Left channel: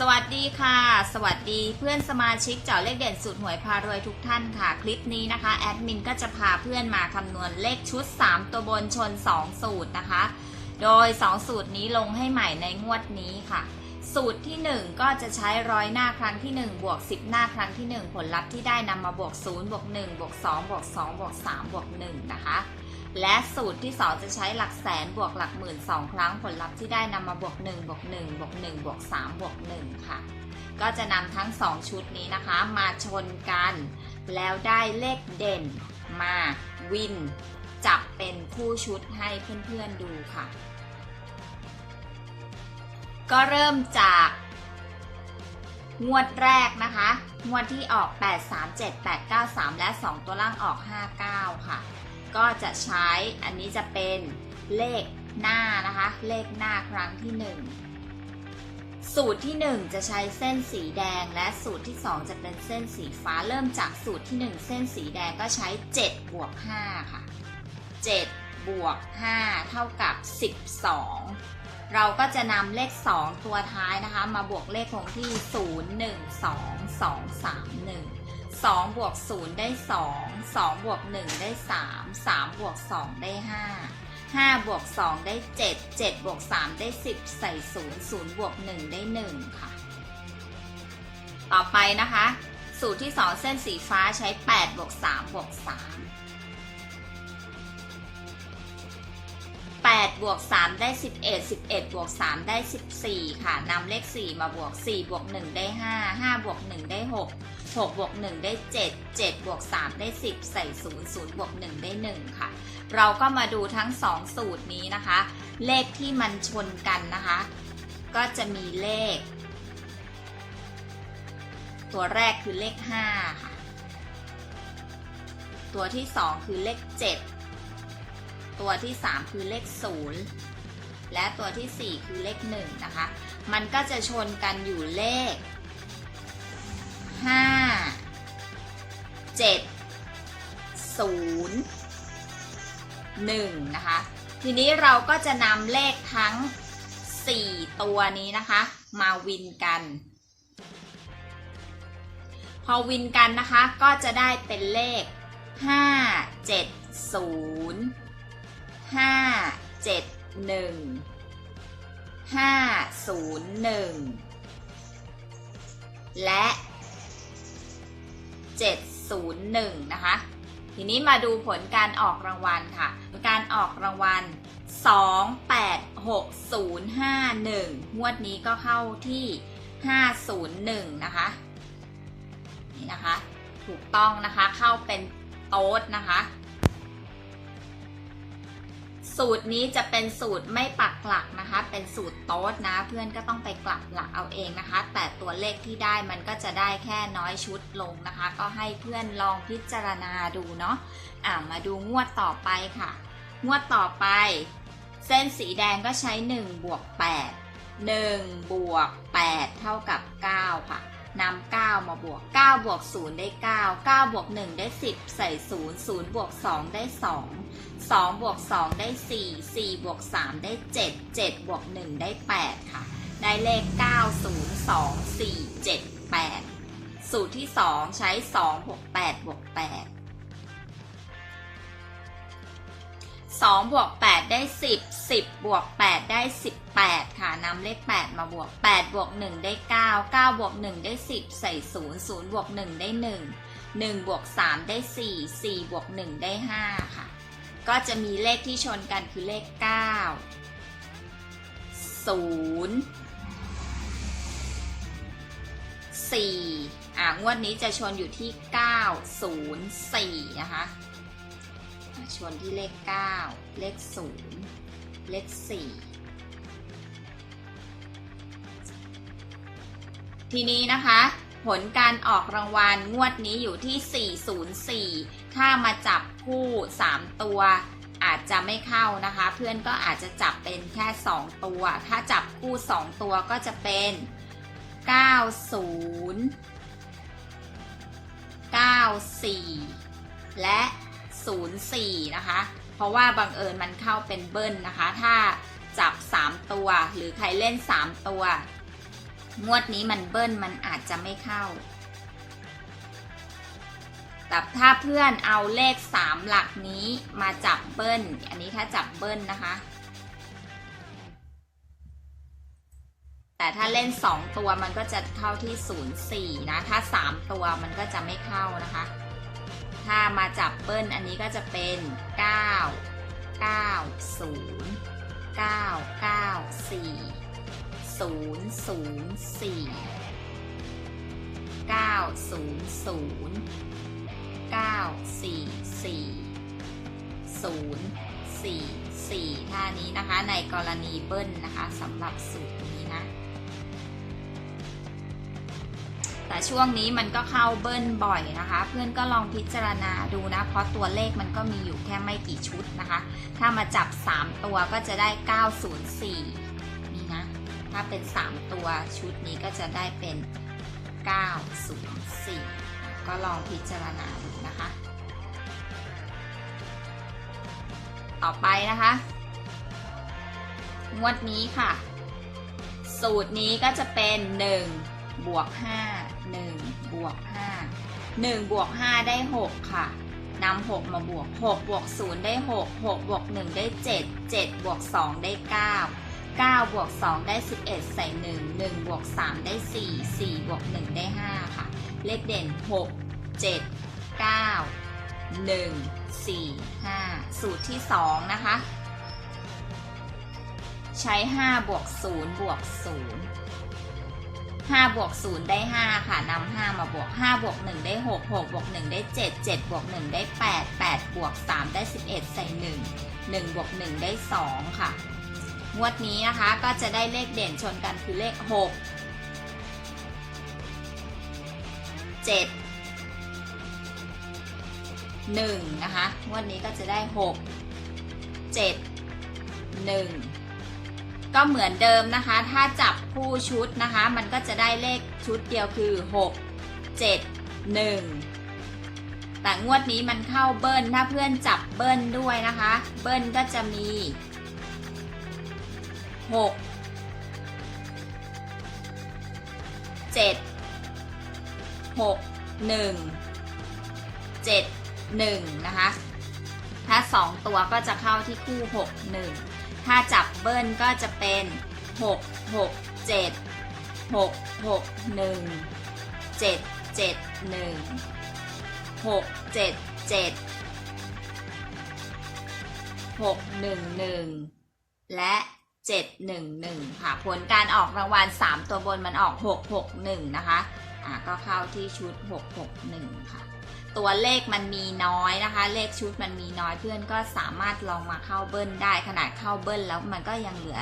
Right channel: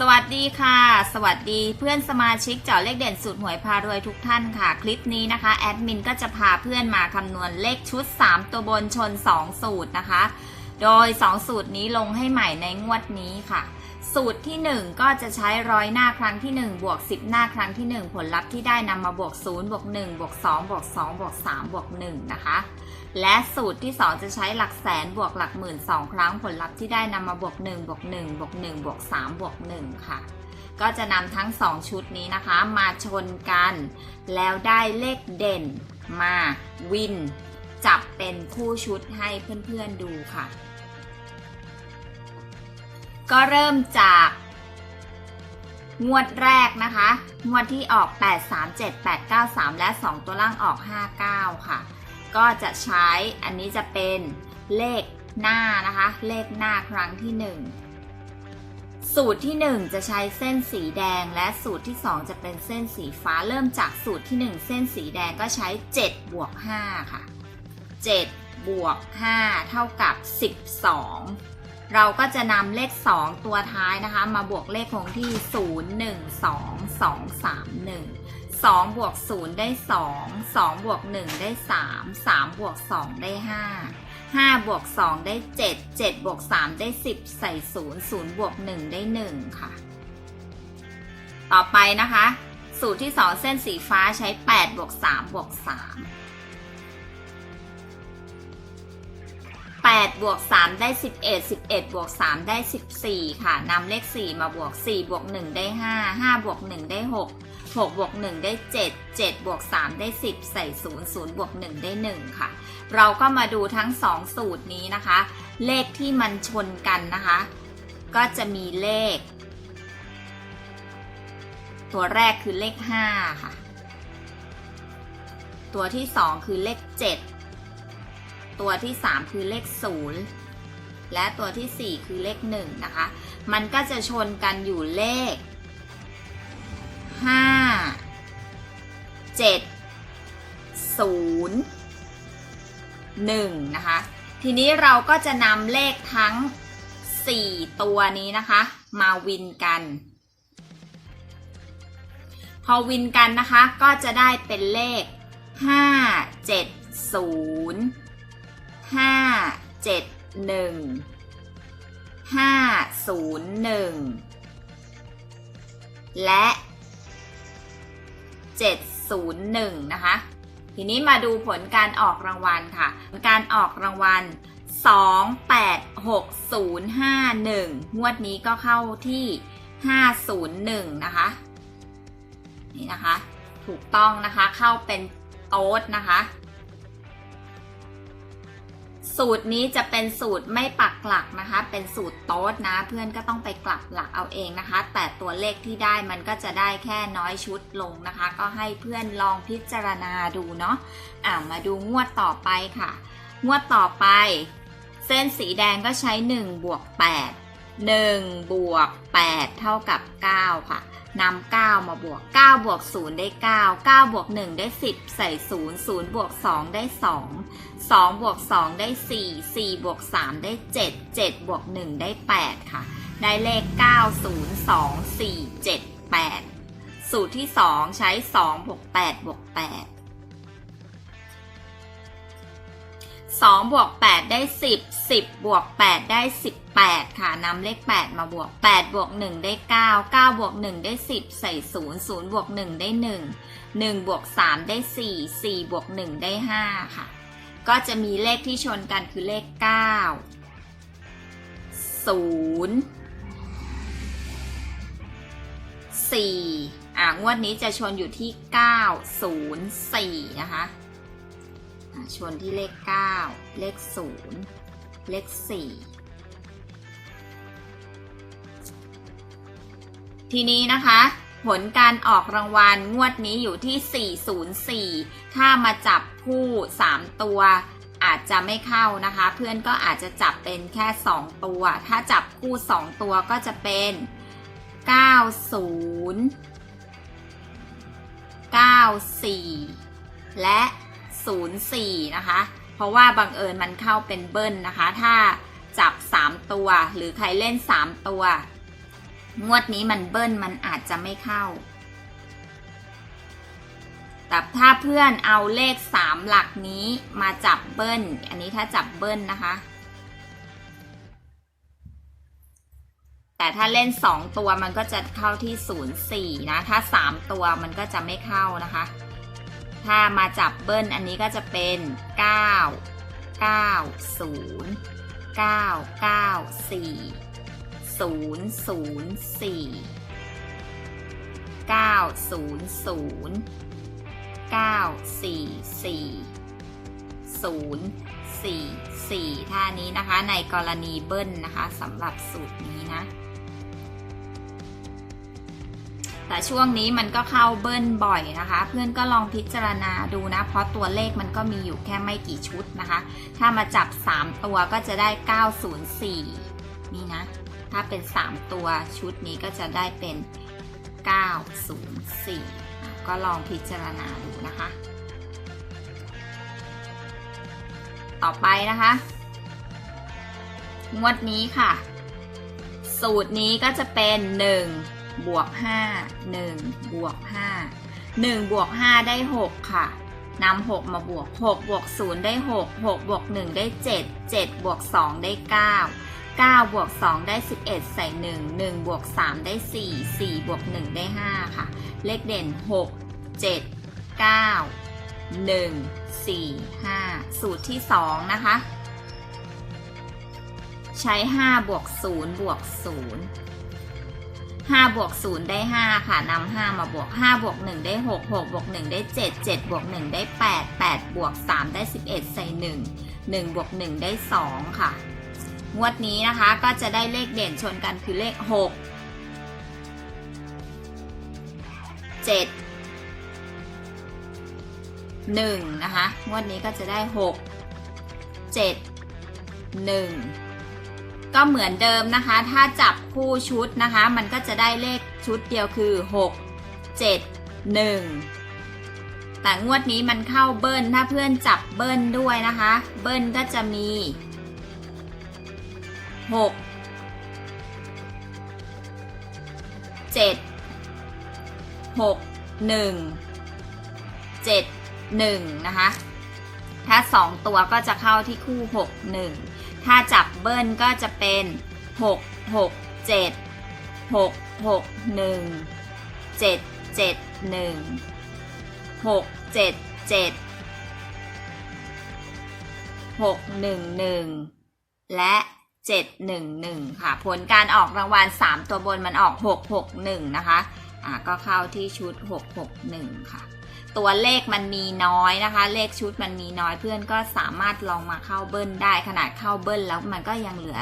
สวัสดีค่ะ สวัสดีเพื่อนสมาชิกเจาะเลขเด่นสูตรหวยพารวยทุกท่านค่ะ คลิปนี้นะคะแอดมินก็จะพาเพื่อนมาคำนวณเลขชุด 3 ตัวบนชน 2 สูตรนะคะ โดย 2 สูตรนี้ลงให้ใหม่ในงวดนี้ค่ะ สูตรที่ 1 ก็จะใช้ร้อยหน้าครั้งที่ 1 บวก 10 หน้าครั้งที่ 1 ผลลัพธ์ที่ได้นำมาบวก0บวก1บวก2บวก2บวก3บวก1นะคะ และสูตรที่ 2 จะใช้หลักแสนบวกหลักหมื่น 2 ครั้งผลลัพธ์ที่ได้นำมาบวก1บวก1บวก1บวก3บวก1ค่ะ ก็จะนำทั้ง 2 ชุดนี้นะคะ มาชนกัน แล้วได้เลขเด่นมาวิน จับเป็นคู่ชุดให้เพื่อนๆดูค่ะ ก็เริ่มจากงวดแรกนะคะ งวดที่ออก 8 3 7 8 9 3 และ 2 ตัวล่างออก 59 ค่ะ ก็จะใช้อันนี้จะเป็นเลขหน้านะคะ เลขหน้าครั้งที่ 1 สูตรที่ 1 จะใช้เส้นสีแดง และสูตรที่ 2 จะเป็นเส้นสีฟ้าเริ่มจากสูตรที่ 1 เส้นสีแดงก็ใช้7บวก5ค่ะ7บวก5เท่ากับ 12 เราก็จะนำเลข 2 ตัวท้ายนะคะ มาบวกเลขคงที่ 0 1 2 2 3 1 2บวก0ได้ 2 2บวก1ได้ 3 3บวก2ได้ 5 5บวก2ได้ 7 7บวก3ได้ 10 ใส่ 0 0บวก1ได้ 1 ค่ะ ต่อไปนะคะ สูตรที่ 2 เส้นสีฟ้าใช้8บวก3บวก3 8บวก3ได้ 11 11บวก3ได้ 14 ค่ะนำเลข 4 มาบวก 4 บวก 1 ได้ 5 5 บวก 1 ได้ 6 6บวก1ได้ 7 7บวก3ได้ 10 ใส่ 0 0บวก1ได้ 1 ค่ะ เราก็มาดูทั้ง 2 สูตรนี้นะคะ เลขที่มันชนกันนะคะ ก็จะมีเลข ตัวแรกคือเลข 5 ค่ะ ตัวที่ 2 คือเลข 7 ตัวที่ 3 คือเลข 0 และตัวที่ 4 คือเลข 1 นะคะ มันก็จะชนกันอยู่เลข ห้าเจ็ดศูนย์หนึ่งนะคะ ทีนี้เราก็จะนำเลขทั้ง 4 ตัวนี้นะคะ มาวินกัน พอวินกันนะคะก็จะได้เป็นเลข 5 7 0 5 7 1 5 0 1 และ 701 นะคะ ทีนี้มาดูผลการออกรางวัลค่ะ การออกรางวัล 286051 งวดนี้ก็เข้าที่ 501 นะคะ นี่นะคะ ถูกต้องนะคะ เข้าเป็นโต๊ดนะคะ สูตรนี้จะเป็นสูตรไม่ปักหลักนะคะ เป็นสูตรโต๊ดนะ เพื่อนก็ต้องไปกลับหลักเอาเองนะคะ แต่ตัวเลขที่ได้มันก็จะได้แค่น้อยชุดลงนะคะ ก็ให้เพื่อนลองพิจารณาดูเนาะอ่ามาดูงวดต่อไปค่ะ งวดต่อไป เส้นสีแดงก็ใช้1บวก8 1 บวก 8 เท่ากับ 9 ค่ะนำ9มาบวก 9 บวก 0 ได้ 9 9 บวก 1 ได้ 10 ใส่ 0 0 บวก 2 ได้ 2 2 บวก 2 ได้ 4 4 บวก 3 ได้ 7 7 บวก 1 ได้ 8 ค่ะ ได้เลข 9 0 2 4 7 8 สูตรที่ 2 ใช้ 2 บวก 8 บวก 8 2 บวก 8 ได้ 10 10 บวก 8 ได้ 1 8 ค่ะนำเลข 8 มาบวก 8 บวก 1 ได้ 9 9 บวก 1 ได้ 10 ใส่ 0 0 บวก 1 ได้ 1 1 บวก 3 ได้ 4 4 บวก 1 ได้ 5 ค่ะ ก็จะมีเลขที่ชนกันคือเลข 9 0 4 อ่างวดนี้จะชนอยู่ที่ 9 0 4 นะคะอะชนที่เลข 9 เลข 0 เลข 4 ทีนี้นะคะ ผลการออกรางวัลงวดนี้อยู่ที่ 404 ถ้ามาจับคู่ 3 ตัว อาจจะไม่เข้านะคะ เพื่อนก็อาจจะจับเป็นแค่ 2 ตัว ถ้าจับคู่ 2 ตัวก็จะเป็น 90 94 และ 04 นะคะ เพราะว่าบังเอิญมันเข้าเป็นเบิ้ลนะคะ ถ้าจับ 3 ตัว หรือใครเล่น 3 ตัว งวดนี้มันเบิ้ลมันอาจจะไม่เข้า แต่ถ้าเพื่อนเอาเลขสามหลักนี้มาจับเบิ้ล อันนี้ถ้าจับเบิ้ลนะคะ แต่ถ้าเล่นสองตัวมันก็จะเข้าที่ศูนย์สี่นะ ถ้าสามตัวมันก็จะไม่เข้านะคะ ถ้ามาจับเบิ้ลอันนี้ก็จะเป็นเก้าเก้าศูนย์เก้าเก้าสี่ ศูนย์ศูนย์สี่เก้าศูนย์ศูนย์เก้าสี่สี่ศูนย์สี่สี่ท่านี้นะคะ ในกรณีเบิ้ลนะคะสำหรับสูตรนี้นะ แต่ช่วงนี้มันก็เข้าเบิ้ลบ่อยนะคะ เพื่อนก็ลองพิจารณาดูนะ เพราะตัวเลขมันก็มีอยู่แค่ไม่กี่ชุดนะคะ ถ้ามาจับ 3 ตัวก็จะได้ 904 นี่นะ ถ้าเป็น 3 ตัวชุดนี้ก็จะได้เป็น 904 ก็ลองพิจารณาดูนะคะ ต่อไปนะคะ งวดนี้ค่ะ สูตรนี้ก็จะเป็น 1 บวก 5 1 บวก 5 1บวก5ได้ 6 ค่ะนำ6มาบวก 6 บวก 0 ได้ 6 6 บวก 1 ได้ 7 7 บวก 2 ได้ 9 9บวก2ได้ 11 ใส่ 1 1บวก3ได้ 4 4บวก1ได้ 5 ค่ะ เลขเด่น 6 7 9 1 4 5 สูตรที่ 2 นะคะ ใช้ 5 บวก 0 บวก 0 5 บวก 0 ได้ 5 ค่ะนำ5 มาบวก 5 บวก 1 ได้ 6 6 บวก 1 ได้ 7 7 บวก 1 ได้ 8 8 บวก 3 ได้ 11 ใส่ 1 1 บวก 1 ได้ 2 ค่ะ งวดนี้นะคะก็จะได้เลขเด่นชนกันคือเลข 6 7 1 นะคะ งวดนี้ก็จะได้ 6 7 1 ก็เหมือนเดิมนะคะ ถ้าจับคู่ชุดนะคะ มันก็จะได้เลขชุดเดียวคือ 6 7 1แต่งวดนี้มันเข้าเบิ้ลถ้าเพื่อนจับเบิ้ลด้วยนะคะ เบิ้ลก็จะมี 6 7 6 1 7 1นะคะ ถ้า2ตัวก็จะเข้าที่คู่6 1ถ้าจับเบิ้ลก็จะเป็น6 6 7 6 6 1 7 7 1 6 7 7 6 1 1และ 711 ค่ะ ผลการออกรางวัล 3 ตัวบนมันออก 661 นะคะอ่าก็เข้าที่ชุด 661 ค่ะ ตัวเลขมันมีน้อยนะคะ เลขชุดมันมีน้อยเพื่อนก็สามารถลองมาเข้าเบิ้ลได้ขนาดเข้าเบิ้ลแล้วมันก็ยังเหลือ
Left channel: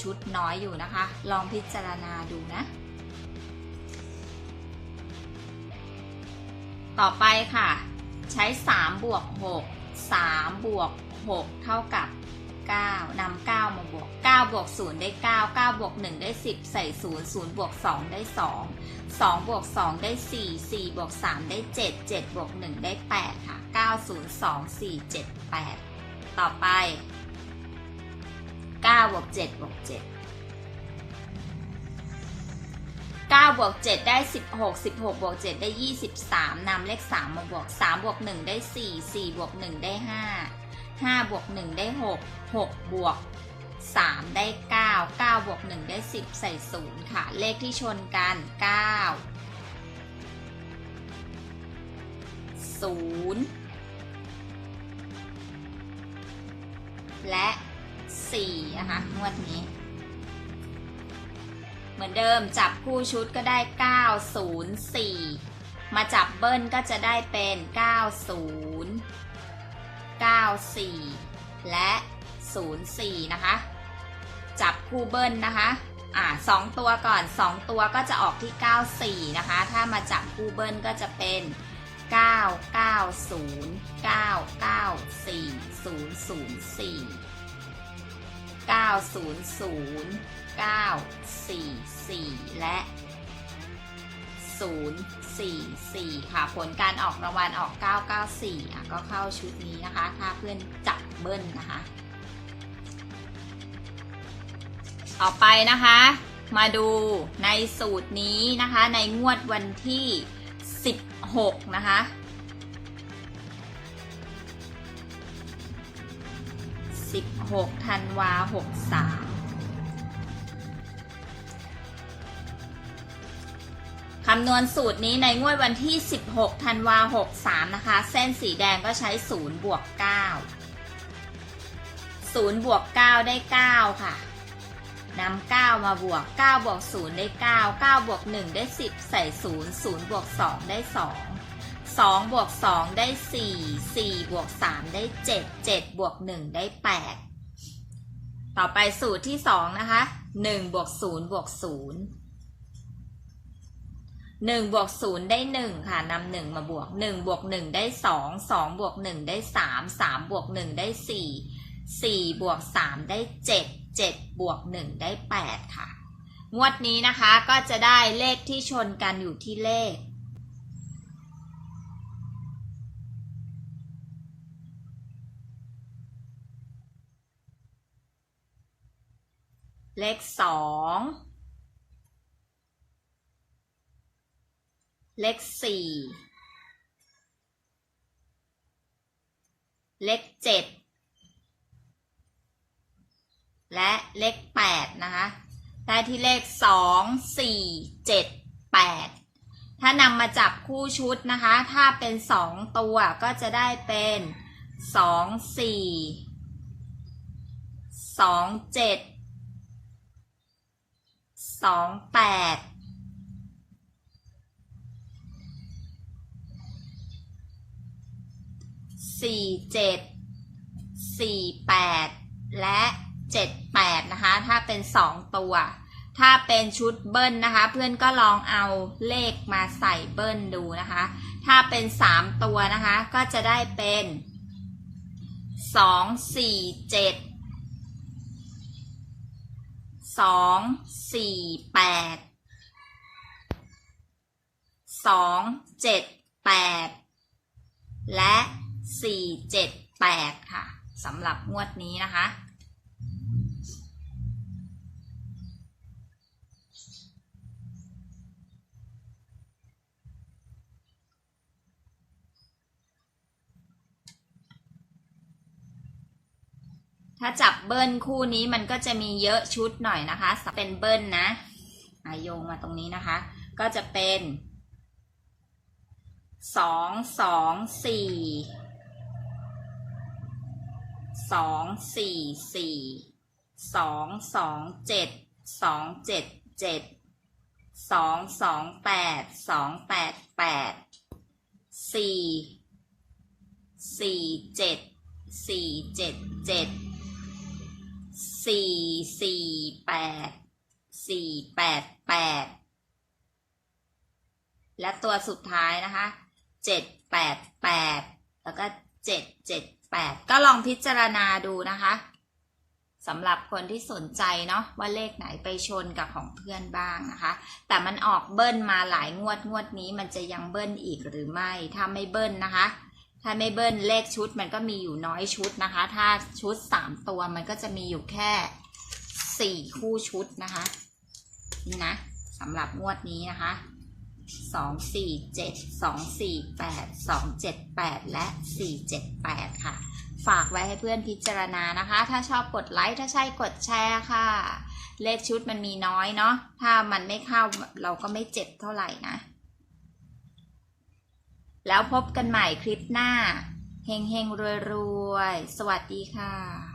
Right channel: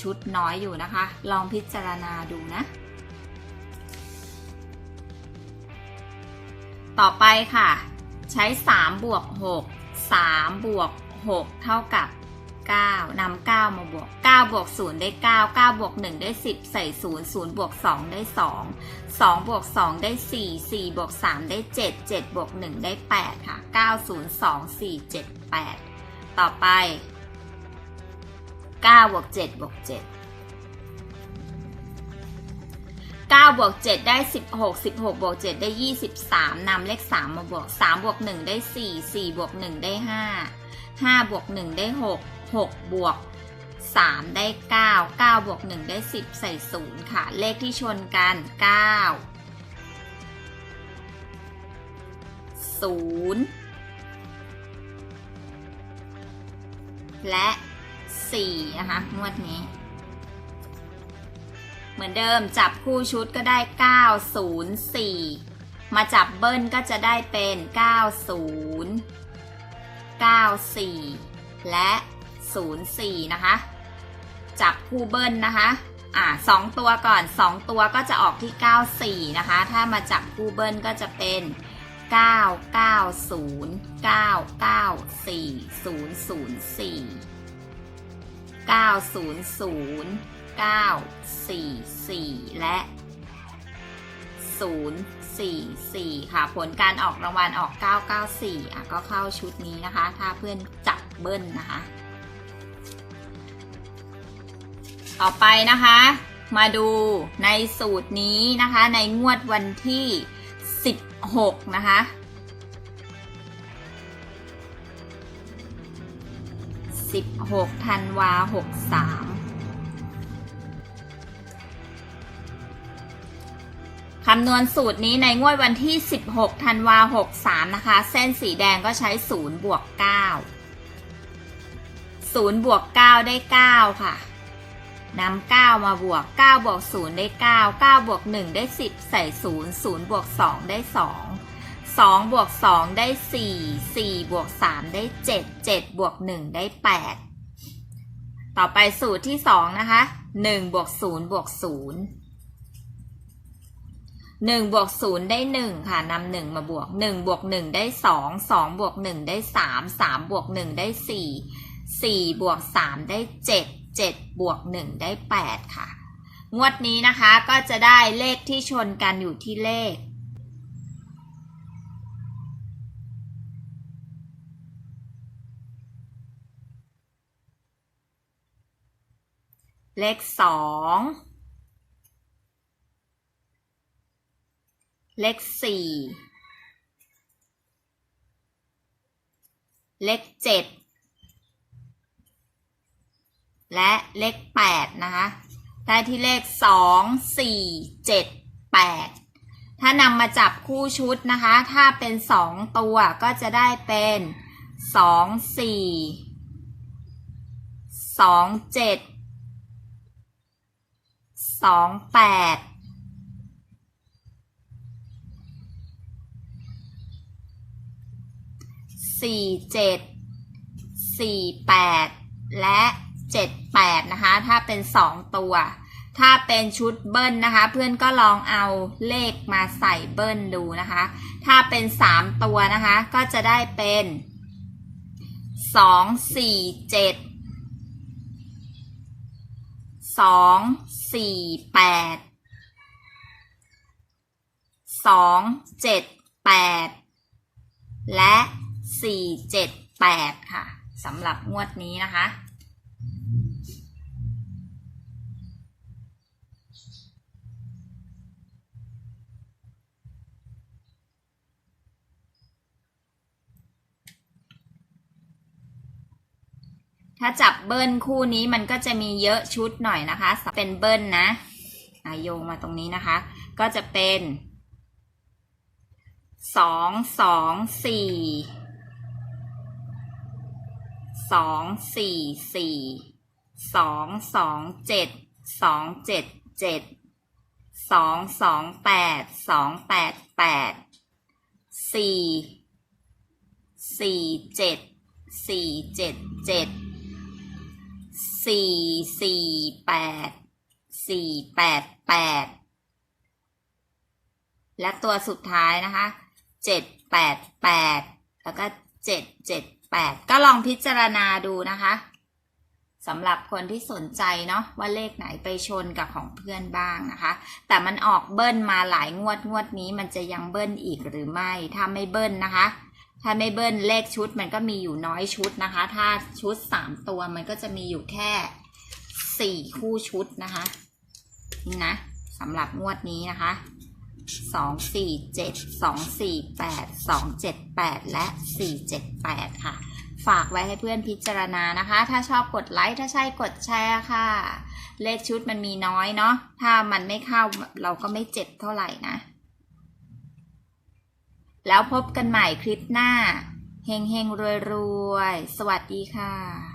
ชุดน้อยอยู่นะคะ ลองพิจารณาดูนะ ต่อไปค่ะ ใช้ 3 บวก 6 3 บวก 6 เท่ากับ 9นำ9มาบวก9บวก0ได้ 9 9บวก1ได้ 10 ใส่ 0 0บวก2ได้ 2 2บวก2ได้ 4 4บวก3ได้ 7 7บวก1ได้ 8 ค่ะ 9 0 2 4 7 8 ต่อไป9บวก7บวก7 9บวก7ได้ 16 16บวก7ได้ 23นำเลข 3 มาบวก3บวก1ได้ 4 4บวก1ได้ 5 5บวก1ได้ 6 6 บวก 3 ได้ 9 9 บวก 1 ได้ 10 ใส่ 0 ค่ะ เลขที่ชนกัน 9 0 และ 4 นะคะ งวดนี้ เหมือนเดิมจับคู่ชุดก็ได้ 904 มาจับเบิ้ลก็จะได้เป็น 90 94 และ 04 นะคะ จับคู่เบิ้ลนะคะอ่าสองตัวก่อน 2 ตัวก็จะออกที่ 94 นะคะ ถ้ามาจับคู่เบิ้ลก็จะเป็น 990 994 004 900 944 และ 044 ค่ะ ผลการออกรางวัลออก 994อะก็เข้าชุดนี้นะคะ ถ้าเพื่อนจับเบิ้ลนะคะ ต่อไปนะคะ มาดูในสูตรนี้นะคะ ในงวดวันที่ 16 นะคะ16ธันวา63ำนวณสูตรนี้ในงวดวันที่ 16 ธันวา63 นะคะ เส้นสีแดงก็ใช้ 0 บวก 9 0 บวก 9 ได้ 9 ค่ะนำ9 มาบวก 9 บวก 0 ได้ 9 9 บวก 1 ได้ 10 ใส่ 0 0 บวก 2 ได้ 2 2 บวก 2 ได้ 4 4 บวก 3 ได้ 7 7 บวก 1 ได้ 8 ต่อไปสูตรที่ 2 นะคะ 1 บวก 0 บวก 0 1บวก0ได้ 1 ค่ะนำ1มาบวก 1 บวก 1 ได้ 2 2 บวก 1 ได้ 3 3 บวก 1 ได้ 4 4 บวก 3 ได้ 7 7 บวก 1 ได้ 8 ค่ะ งวดนี้นะคะก็จะได้เลขที่ชนกันอยู่ที่เลข เลข 2 เลขสี่เลขเจ็ดและเลขแปดนะคะ ได้ที่เลขสองสี่เจ็ดแปดถ้านำมาจับคู่ชุดนะคะ ถ้าเป็นสองตัวก็จะได้เป็นสองสี่สองเจ็ดสองแปด สี่เจ็ดสี่แปดและเจ็ดแปดนะคะ ถ้าเป็นสองตัว ถ้าเป็นชุดเบิ้ลนะคะ เพื่อนก็ลองเอาเลขมาใส่เบิ้ลดูนะคะ ถ้าเป็นสามตัวนะคะ ก็จะได้เป็นสองสี่เจ็ดสองสี่แปดสองเจ็ดแปดและ สี่เจ็ดแปดค่ะสำหรับงวดนี้นะคะ ถ้าจับเบิ้ลคู่นี้มันก็จะมีเยอะชุดหน่อยนะคะ เป็นเบิ้ลนะอะโยงมาตรงนี้นะคะ ก็จะเป็นสองสองสี่ สองสี่สี่สองสองเจ็ดสองเจ็ดเจ็ดสองสองแปดสองแปดแปดสี่สี่เจ็ดสี่เจ็ดเจ็ดสี่สี่แปดสี่แปดแปดและตัวสุดท้ายนะคะเจ็ดแปดแปดแล้วก็เจ็ดเจ็ด แปดก็ลองพิจารณาดูนะคะสำหรับคนที่สนใจเนาะว่าเลขไหนไปชนกับของเพื่อนบ้างนะคะ แต่มันออกเบิ้ลมาหลายงวดงวดนี้มันจะยังเบิ้ลอีกหรือไม่ ถ้าไม่เบิ้ลนะคะ ถ้าไม่เบิ้ลเลขชุดมันก็มีอยู่น้อยชุดนะคะ ถ้าชุดสามตัวมันก็จะมีอยู่แค่สี่คู่ชุดนะคะนี่นะสำหรับงวดนี้นะคะ สองสี่เจ็ดสองสี่แปดสองเจ็ดแปดและสี่เจ็ดแปดค่ะ ฝากไว้ให้เพื่อนพิจารณานะคะ ถ้าชอบกดไลค์ถ้าใช่กดแชร์ค่ะ เลขชุดมันมีน้อยเนาะถ้ามันไม่เข้าเราก็ไม่เจ็บเท่าไหร่นะ แล้วพบกันใหม่คลิปหน้าเฮงเฮงรวยรวยสวัสดีค่ะ